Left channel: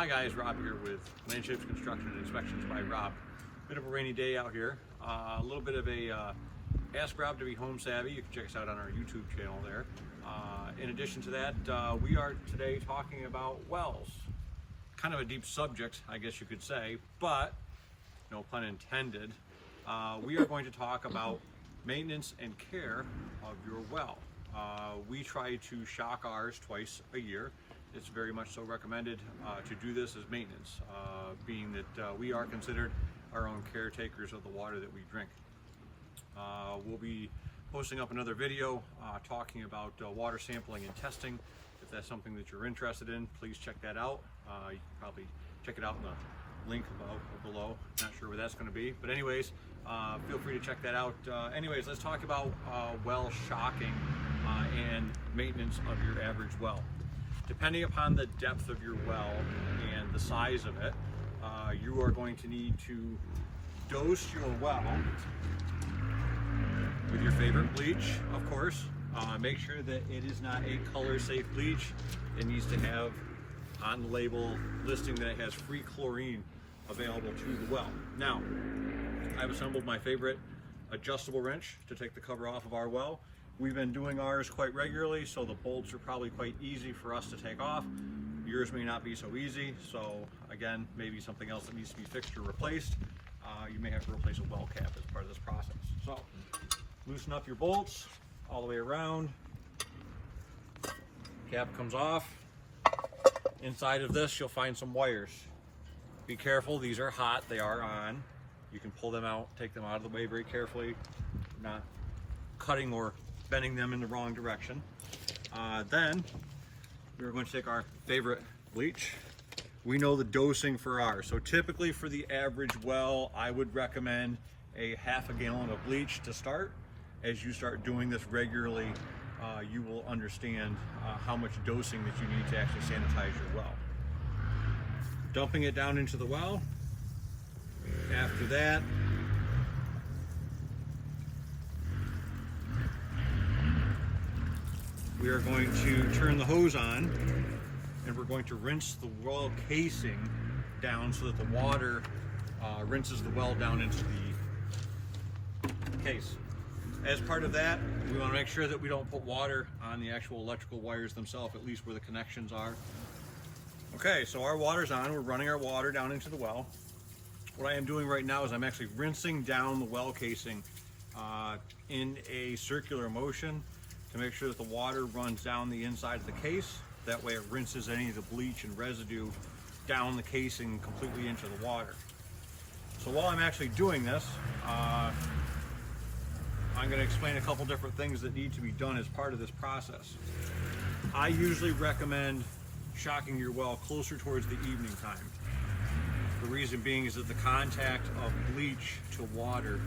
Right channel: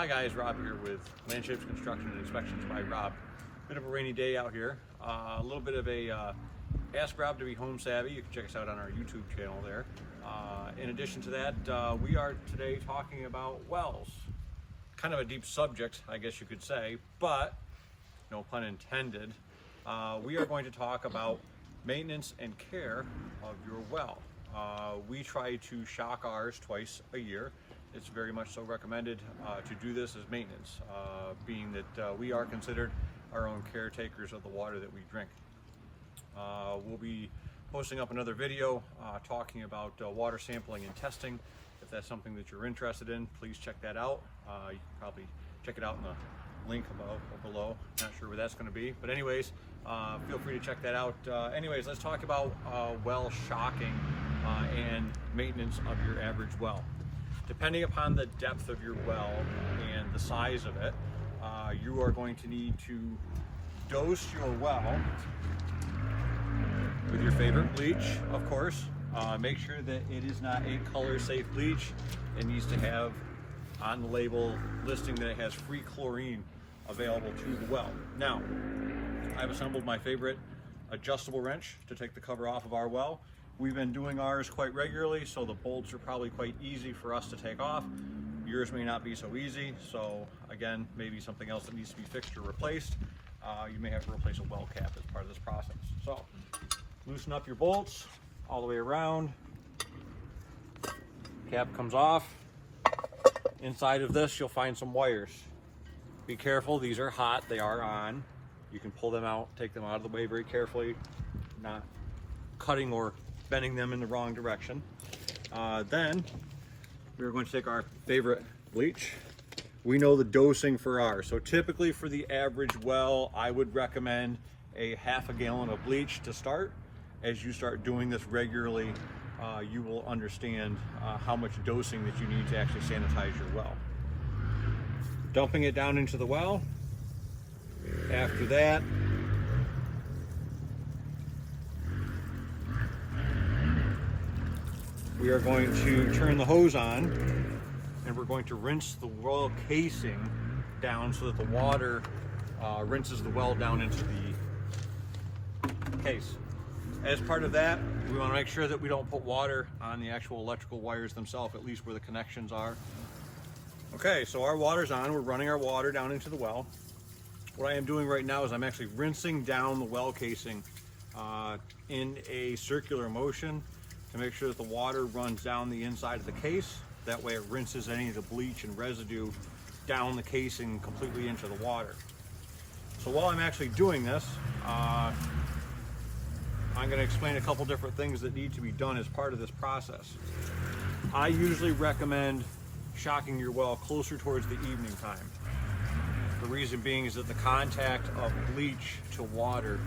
Hi guys, Rob here with Landshapes Construction and Inspections by Rob. Bit of a rainy day out here. A little bit of a ask Rob to be home savvy. You can check us out on our YouTube channel there. In addition to that, we are today talking about wells. Kind of a deep subject, I guess you could say, but no pun intended. We are going to talk about maintenance and care of your well. We try to shock ours twice a year. It's very much so recommended to do this as maintenance, being that we are considered our own caretakers of the water that we drink. We'll be posting up another video talking about water sampling and testing. If that's something that you're interested in, please check that out. You can probably check it out in the link below. Not sure where that's going to be, but anyways, feel free to check that out. Anyways, let's talk about well shocking and maintenance of your average well. Depending upon the depth of your well and the size of it, you are going to need to dose your well with your favorite bleach, of course. Make sure that it is not a color safe bleach. It needs to have on the label listing that it has free chlorine available to the well. Now, I've assembled my favorite adjustable wrench to take the cover off of our well. We've been doing ours quite regularly, so the bolts are probably quite easy for us to take off. Yours may not be so easy, so again, maybe something else that needs to be fixed or replaced. You may have to replace a well cap as part of this process. So, loosen up your bolts all the way around. Cap comes off. Inside of this, you'll find some wires. Be careful, these are hot, they are on. You can pull them out, take them out of the way very carefully, not cutting or bending them in the wrong direction. Then we're going to take our favorite bleach. We know the dosing for ours. So typically for the average well, I would recommend a ½ gallon of bleach to start. As you start doing this regularly, you will understand how much dosing that you need to actually sanitize your well. Dumping it down into the well. After that, we are going to turn the hose on and we're going to rinse the well casing down so that the water rinses the well down into the case. As part of that, we want to make sure that we don't put water on the actual electrical wires themselves, at least where the connections are. Okay, so our water's on. We're running our water down into the well. What I am doing right now is I'm actually rinsing down the well casing in a circular motion to make sure that the water runs down the inside of the case. That way it rinses any of the bleach and residue down the casing completely into the water. So while I'm actually doing this, I'm going to explain a couple different things that need to be done as part of this process. I usually recommend shocking your well closer towards the evening time. The reason being is that the contact of bleach to water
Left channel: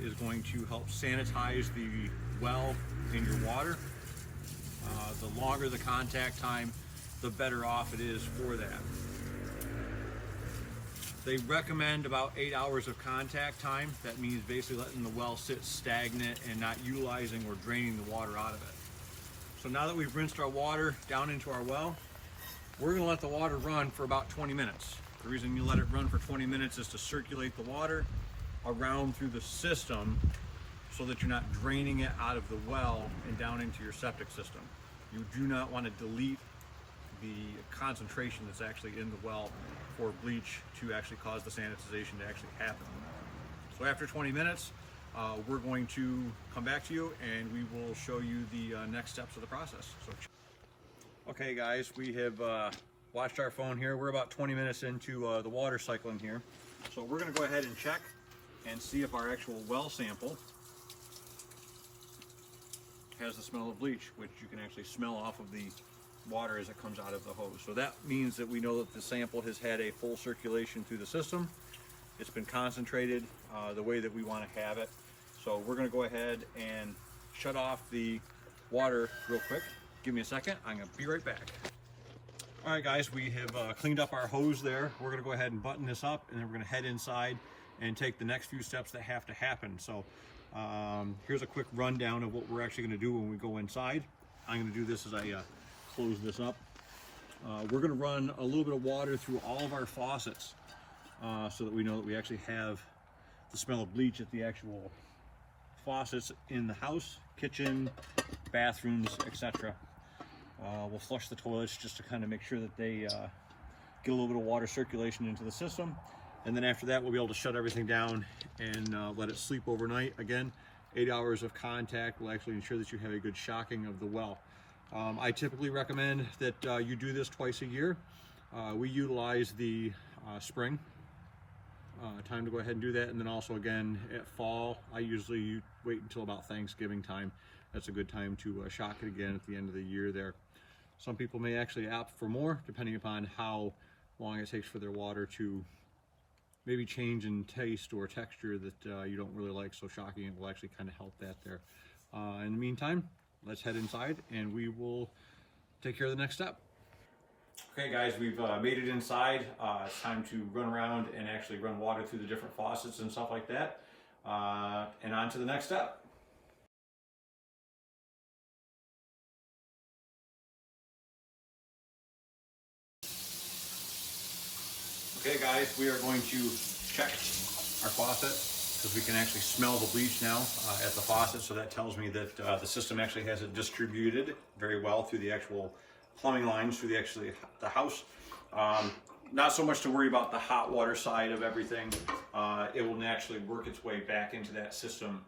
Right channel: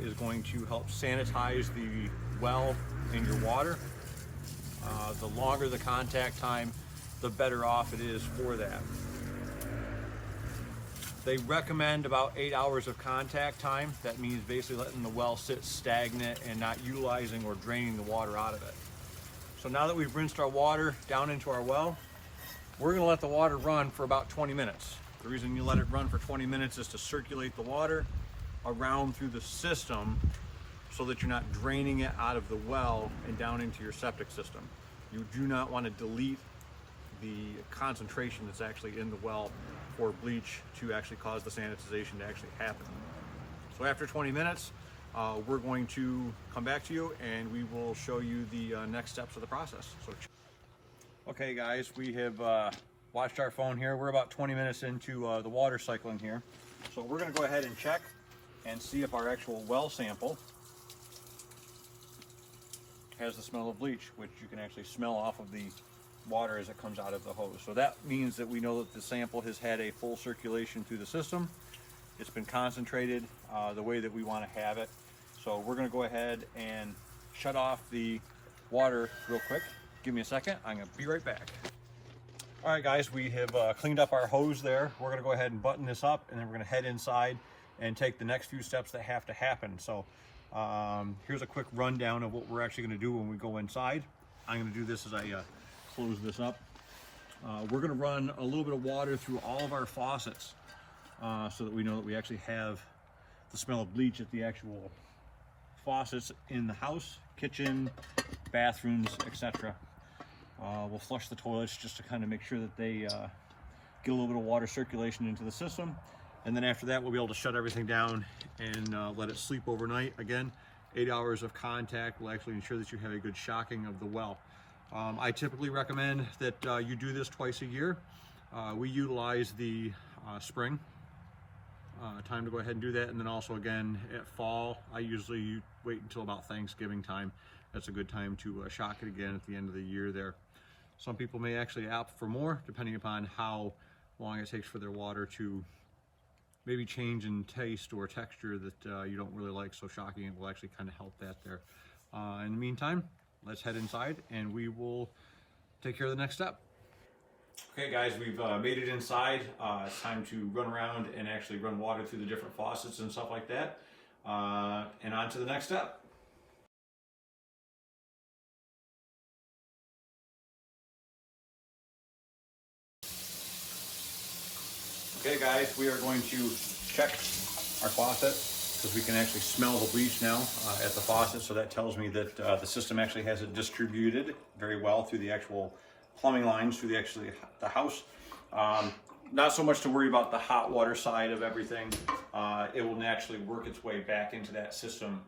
is going to help sanitize the well in your water. The longer the contact time, the better off it is for that. They recommend about 8 hours of contact time. That means basically letting the well sit stagnant and not utilizing or draining the water out of it. So now that we've rinsed our water down into our well, we're going to let the water run for about 20 minutes. The reason you let it run for 20 minutes is to circulate the water around through the system so that you're not draining it out of the well and down into your septic system. You do not want to delete the concentration that's actually in the well for bleach to actually cause the sanitization to actually happen. So after 20 minutes, we're going to come back to you and we will show you the next steps of the process. So, okay guys, we have watched our phone here. We're about 20 minutes into the water cycling here. So we're going to go ahead and check and see if our actual well sample has the smell of bleach, which you can actually smell off of the water as it comes out of the hose. So that means that we know that the sample has had a full circulation through the system. It's been concentrated the way that we want to have it. So we're going to go ahead and shut off the water real quick. Give me a second. I'm going to be right back. All right, guys, we have cleaned up our hose there. We're going to go ahead and button this up, and then we're going to head inside and take the next few steps that have to happen. So here's a quick rundown of what we're actually going to do when we go inside. I'm going to do this as I close this up. We're going to run a little bit of water through all of our faucets so that we know that we actually have the smell of bleach at the actual faucets in the house, kitchen, bathrooms, etc. We'll flush the toilets just to kind of make sure that they get a little bit of water circulation into the system. And then after that, we'll be able to shut everything down and let it sleep overnight. Again, 8 hours of contact will actually ensure that you have a good shocking of the well. I typically recommend that you do this twice a year. We utilize the spring time to go ahead and do that, and then also again at fall, I usually wait until about Thanksgiving time. That's a good time to shock it again at the end of the year there. Some people may actually opt for more, depending upon how long it takes for their water to maybe change in taste or texture that you don't really like, so shocking it will actually kind of help that there. In the meantime, let's head inside and we will take care of the next step. Okay guys, we've made it inside. It's time to run around and actually run water through the different faucets and stuff like that. And on to the next step. Okay guys, we are going to check our faucet because we can actually smell the bleach now at the faucet. So that tells me that the system actually has it distributed very well through the actual plumbing lines, through the house. Not so much to worry about the hot water side of everything. It will naturally work its way back into that system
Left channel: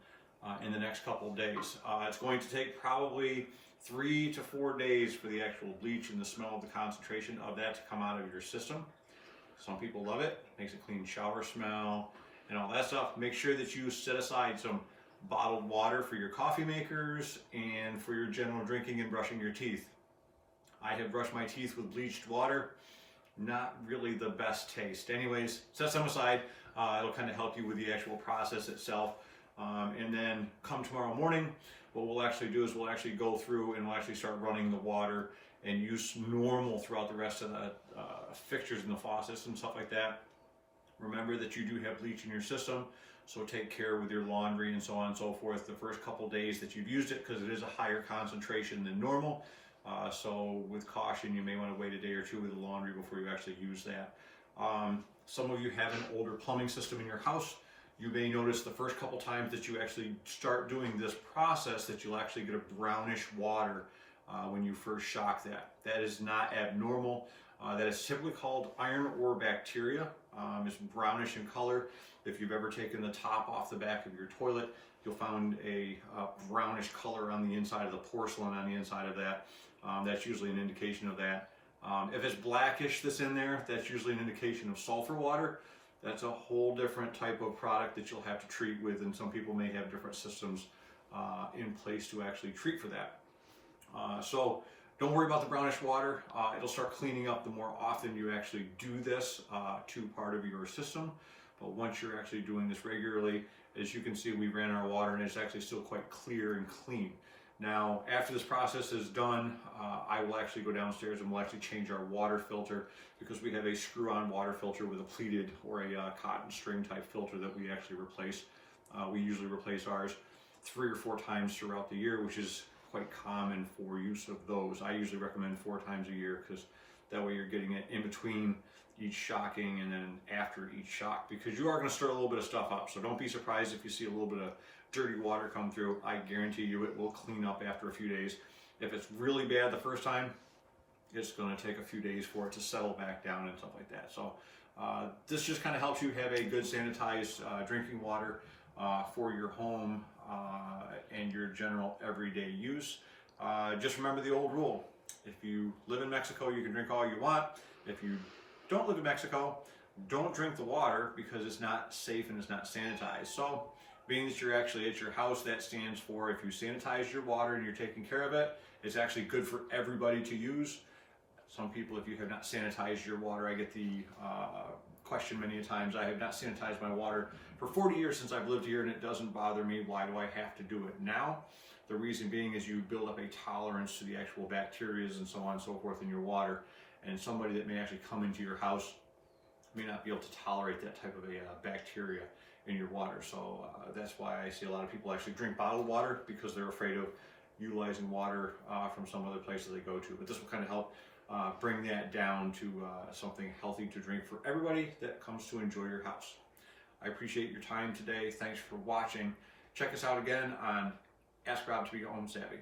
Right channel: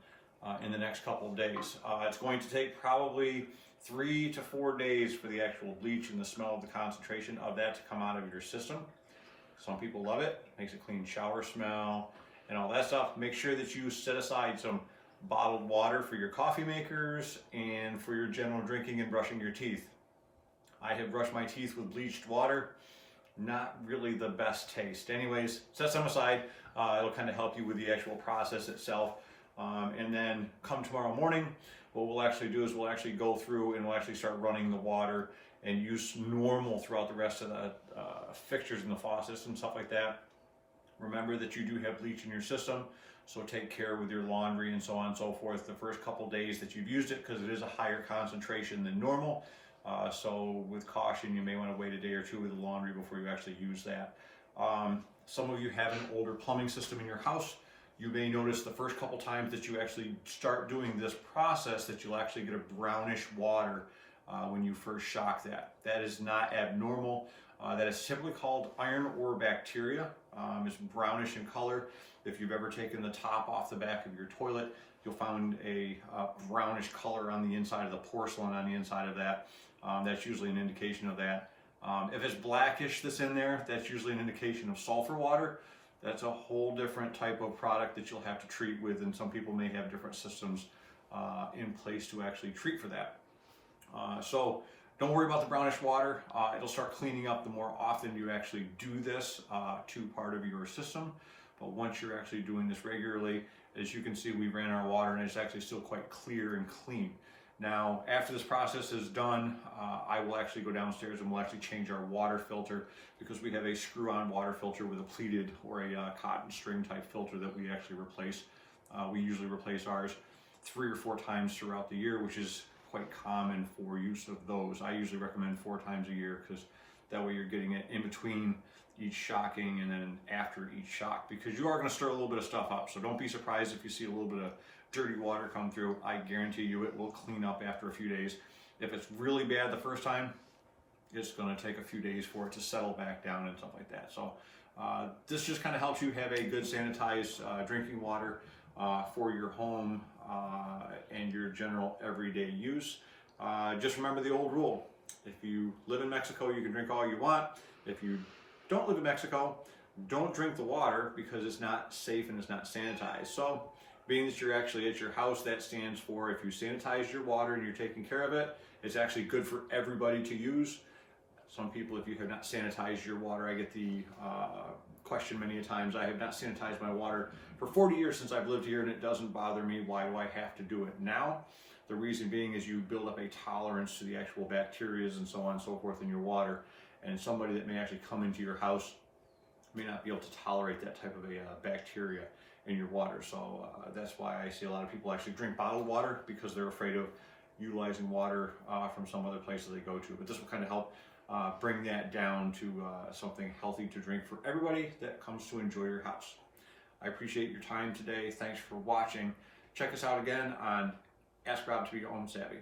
in the next couple of days. It's going to take probably 3 to 4 days for the actual bleach and the smell of the concentration of that to come out of your system. Some people love it, makes a clean shower smell and all that stuff. Make sure that you set aside some bottled water for your coffee makers and for your general drinking and brushing your teeth. I have brushed my teeth with bleached water. Not really the best taste. Anyways, set some aside. It'll kind of help you with the actual process itself. And then come tomorrow morning, what we'll actually do is we'll actually go through and we'll actually start running the water and use normal throughout the rest of the fixtures in the faucets and stuff like that. Remember that you do have bleach in your system, so take care with your laundry and so on and so forth the first couple days that you've used it, because it is a higher concentration than normal. So with caution, you may want to wait a day or two with the laundry before you actually use that. Some of you have an older plumbing system in your house. You may notice the first couple times that you actually start doing this process that you'll actually get a brownish water when you first shock that. That is not abnormal. That is typically called iron ore bacteria. It's brownish in color. If you've ever taken the top off the back of your toilet, you'll find a brownish color on the inside of the porcelain on the inside of that. That's usually an indication of that. If it's blackish that's in there, that's usually an indication of sulfur water. That's a whole different type of product that you'll have to treat with, and some people may have different systems in place to actually treat for that. So don't worry about the brownish water. It'll start cleaning up the more often you actually do this to part of your system. But once you're actually doing this regularly, as you can see, we ran our water and it's actually still quite clear and clean. Now, after this process is done, I will actually go downstairs and we'll actually change our water filter, because we have a screw-on water filter with a pleated or a cotton string type filter that we actually replace. We usually replace ours 3 or 4 times throughout the year, which is quite common for use of those. I usually recommend 4 times a year, because that way you're getting it in between each shocking and then after each shock, because you are going to stir a little bit of stuff up. So don't be surprised if you see a little bit of dirty water come through. I guarantee you it will clean up after a few days. If it's really bad the first time, it's going to take a few days for it to settle back down and stuff like that. So this just kind of helps you have a good sanitized drinking water for your home and your general everyday use. Just remember the old rule. If you live in Mexico, you can drink all you want. If you don't live in Mexico, don't drink the water, because it's not safe and it's not sanitized. So being that you're actually at your house, that stands for, if you sanitize your water and you're taking care of it, it's actually good for everybody to use. Some people, if you have not sanitized your water, I get the question many a times, I have not sanitized my water for 40 years since I've lived here and it doesn't bother me. Why do I have to do it now? The reason being is you build up a tolerance to the actual bacteria and so on and so forth in your water. And somebody that may actually come into your house may not be able to tolerate that type of a bacteria in your water. So that's why I see a lot of people actually drink bottled water, because they're afraid of utilizing water from some other places they go to. But this will kind of help bring that down to something healthy to drink for everybody that comes to enjoy your house. I appreciate your time today. Thanks for watching. Check us out again on Ask Rob to Be Home Savvy.